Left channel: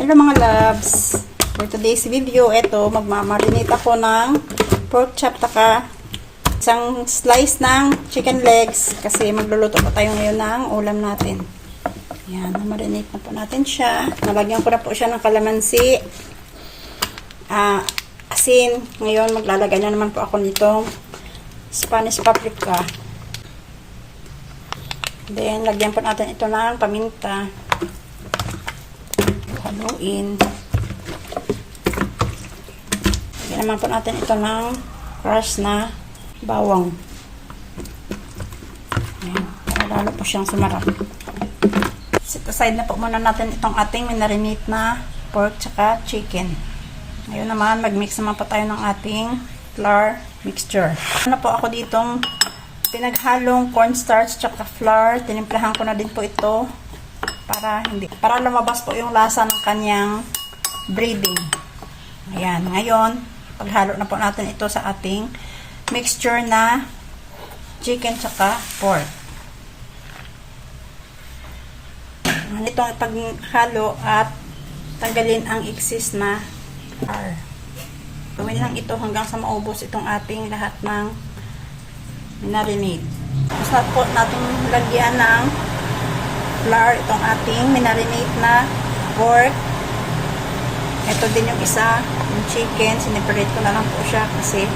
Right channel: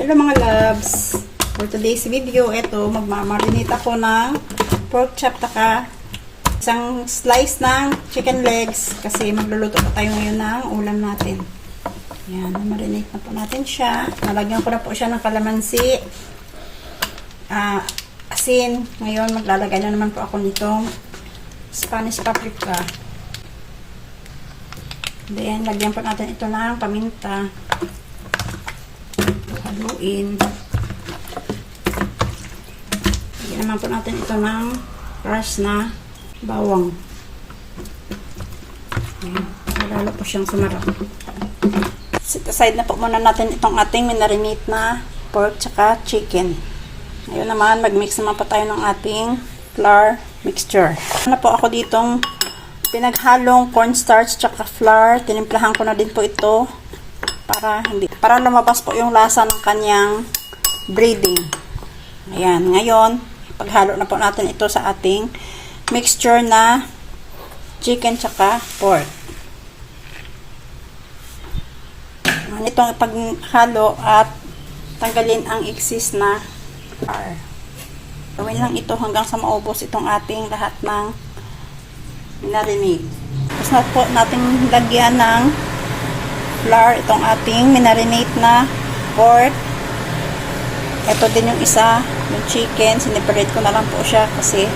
Hello mga loves! For today's video, ito, magmamarinate ako ng pork chop taka isang slice ng chicken legs kasi magluluto pa tayo ngayon ng ulam natin. Yan, marinate na po natin siya. Nalagyan ko na po siya ng kalamansi, asin. Ngayon, maglalagay na naman po ako nitong Spanish paprika. Then, lagyan po natin ito ng paminta. Haluin. Lagyan naman po natin ito ng crush na bawang. Ayan. Lalo po siyang sumarap. Set aside na po muna natin itong ating minarinate na pork tsaka chicken. Ngayon naman, mag-mix naman po tayo ng ating flour mixture. Ano po ako ditong pinaghalong cornstarch tsaka flour. Tinimplahan ko na din po ito para lumabas po yung lasa ng kanyang breading. Ayan, ngayon paghalo na po natin ito sa ating mixture na chicken tsaka pork. Itong paghalo at tanggalin ang excess na flour. Gawin lang ito hanggang sa maubos itong ating lahat ng minarinate. Tapos na po natin lagyan ng flour itong ating minarinate na pork. Ito din yung isa, yung chicken. Sineparate ko na lang po siya kasi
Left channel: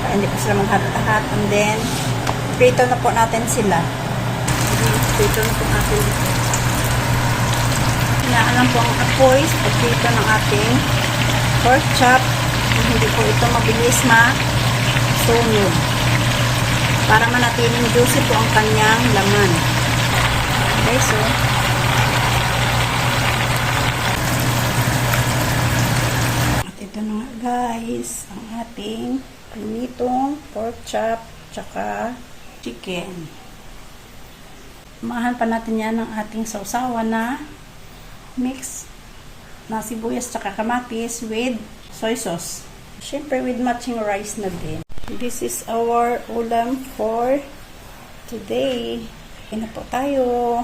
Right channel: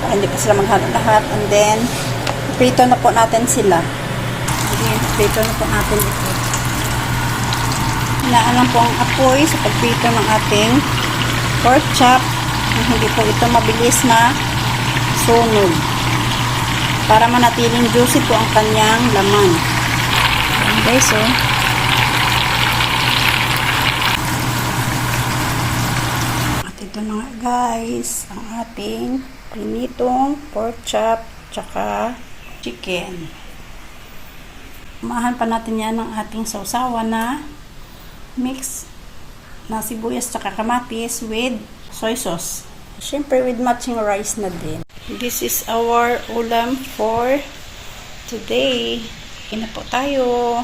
para hindi pa sila maghalo lahat. And then, prito na po natin sila. Prito na po natin. Hinaan lang po ang apoy sa pagprito ng ating pork chop. Hindi po ito mabilis masunog. Para manatiling juicy po ang kanyang laman. Okay, so at ito na nga guys ang ating prinitong pork chop tsaka chicken. Umahan pa natin yan ng ating sausawan na mix na sibuyas tsaka kamatis with soy sauce. Siyempre with matching rice na din. This is our ulam for today. Kain na po tayo.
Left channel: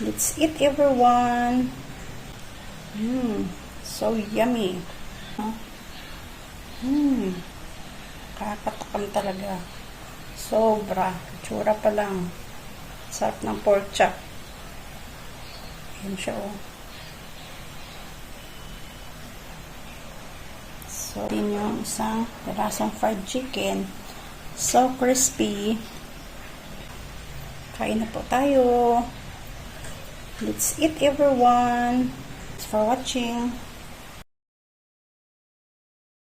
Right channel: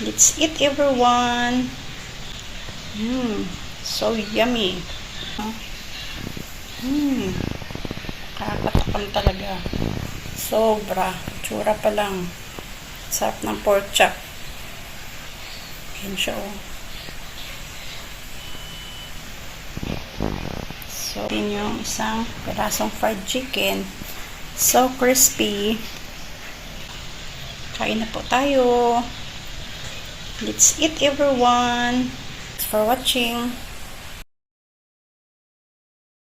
Let's eat everyone. So yummy. Kakatakam talaga. Sobra. Tsura pa lang. Sarap ng pork chop. Ayan siya oh. So, din yung isang perasong fried chicken. So crispy. Kain na po tayo. Let's eat everyone. Thanks for watching.